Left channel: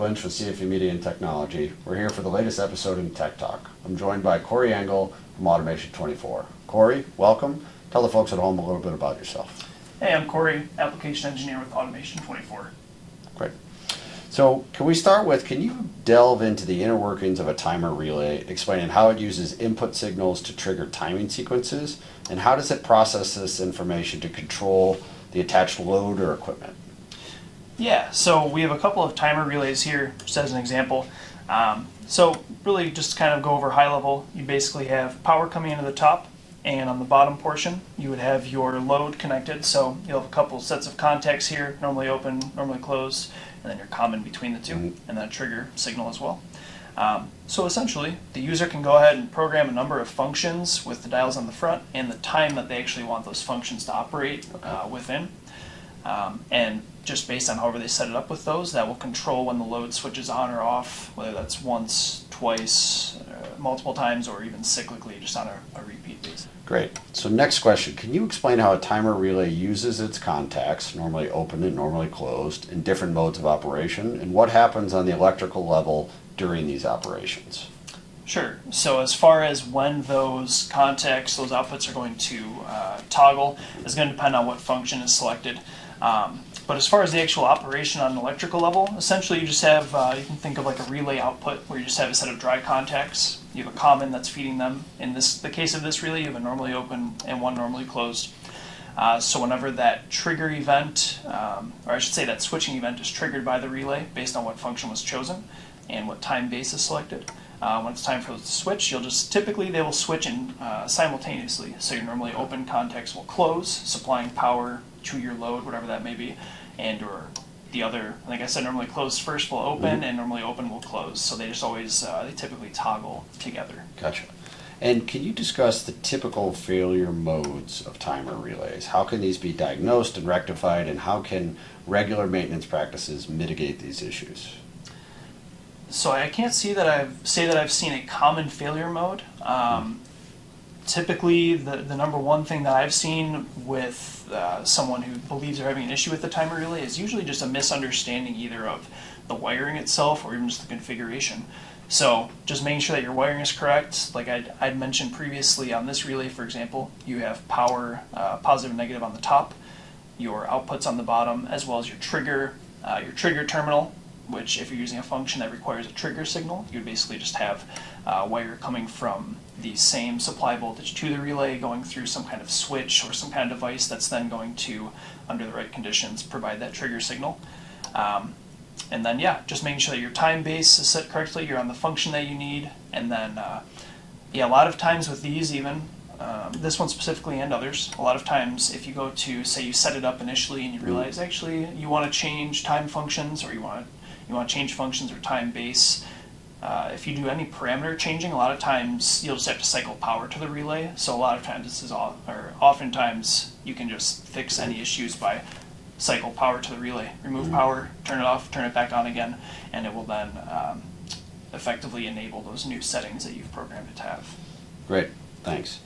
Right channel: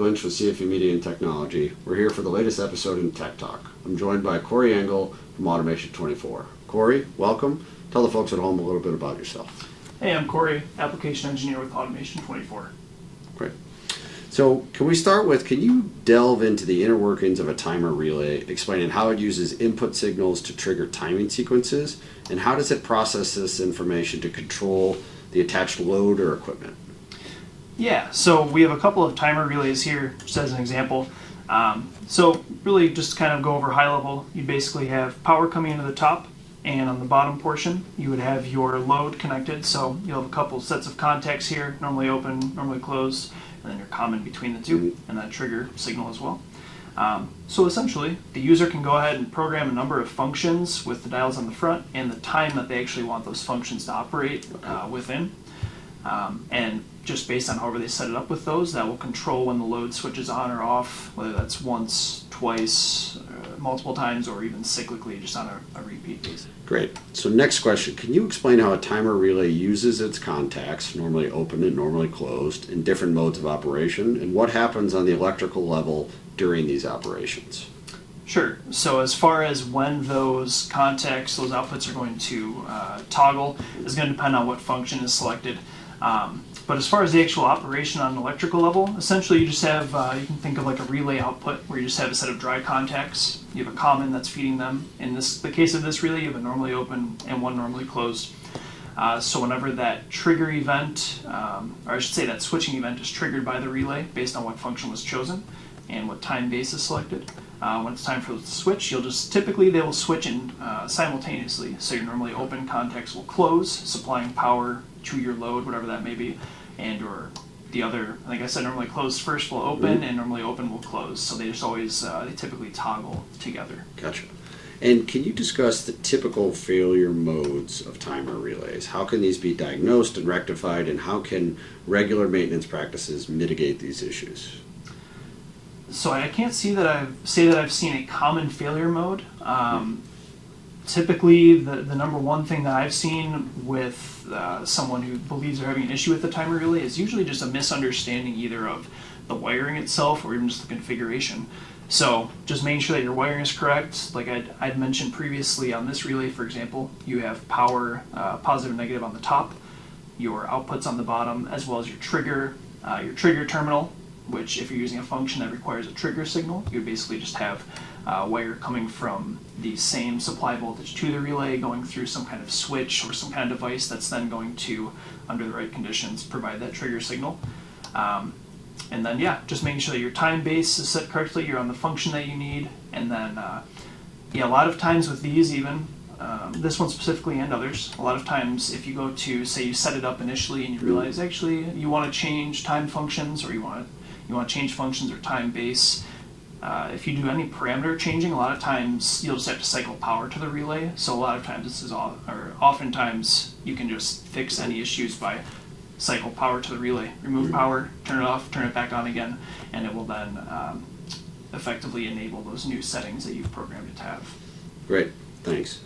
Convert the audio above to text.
Lynch with CFE Media and Technology. We're here for the latest episode in Tech Talk. I'm joined by Cory Engel from Automation24. Cory, welcome. Tell the folks at home a little bit about yourself. Hey, I'm Cory, application engineer with Automation24. Great. So can we start with, can you delve into the inner workings of a timer relay, explaining how it uses input signals to trigger timing sequences, and how does it process this information to control the attached load or equipment? Yeah, so we have a couple of timer relays here, just as an example. So really just to kind of go over high level, you basically have power coming into the top, and on the bottom portion you would have your load connected. So you'll have a couple sets of contacts here, normally open, normally closed, and then your common between the two, and that trigger signal as well. So essentially, the user can go ahead and program a number of functions with the dials on the front and the time that they actually want those functions to operate within. And just based on however they set it up with those, that will control when the load switches on or off, whether that's once, twice, multiple times, or even cyclically, just on a repeat basis. Great. So next question, can you explain how a timer relay uses its contacts, normally open and normally closed, in different modes of operation, and what happens on the electrical level during these operations? Sure. So as far as when those contacts, those outputs are going to toggle, is going to depend on what function is selected. But as far as the actual operation on an electrical level, essentially you just have, you can think of like a relay output where you just have a set of dry contacts. You have a common that's feeding them. In the case of this relay, you have a normally open and one normally closed. So whenever that trigger event, or I should say that switching event is triggered by the relay based on what function was chosen and what time base is selected. When it's time for it to switch, typically they will switch in simultaneously. So your normally open contacts will close, supplying power to your load, whatever that may be, and or the other, like I said, normally closed first will open, and normally open will close. So they just always, they typically toggle together. Gotcha. And can you discuss the typical failure modes of timer relays? How can these be diagnosed and rectified, and how can regular maintenance practices mitigate these issues? So I can't say that I've seen a common failure mode. Typically, the number one thing that I've seen with someone who believes they're having an issue with the timer relay is usually just a misunderstanding either of the wiring itself or even just the configuration. So just making sure that your wiring is correct. Like I'd mentioned previously on this relay, for example, you have power positive and negative on the top, your outputs on the bottom, as well as your trigger terminal, which if you're using a function that requires a trigger signal, you would basically just have wire coming from the same supply voltage to the relay going through some kind of switch or some kind of device that's then going to, under the right conditions, provide that trigger signal. And then, yeah, just making sure that your time base is set correctly, you're on the function that you need, and then, yeah, a lot of times with these even, this one specifically and others, a lot of times if you go to, say you set it up initially and you realize actually you want to change time functions or you want to change functions or time base. If you do any parameter changing, a lot of times you'll just have to cycle power to the relay. So a lot of times oftentimes you can just fix any issues by cycle power to the relay, remove power, turn it off, turn it back on again, and it will then effectively enable those new settings that you've programmed it to have. Great, thanks.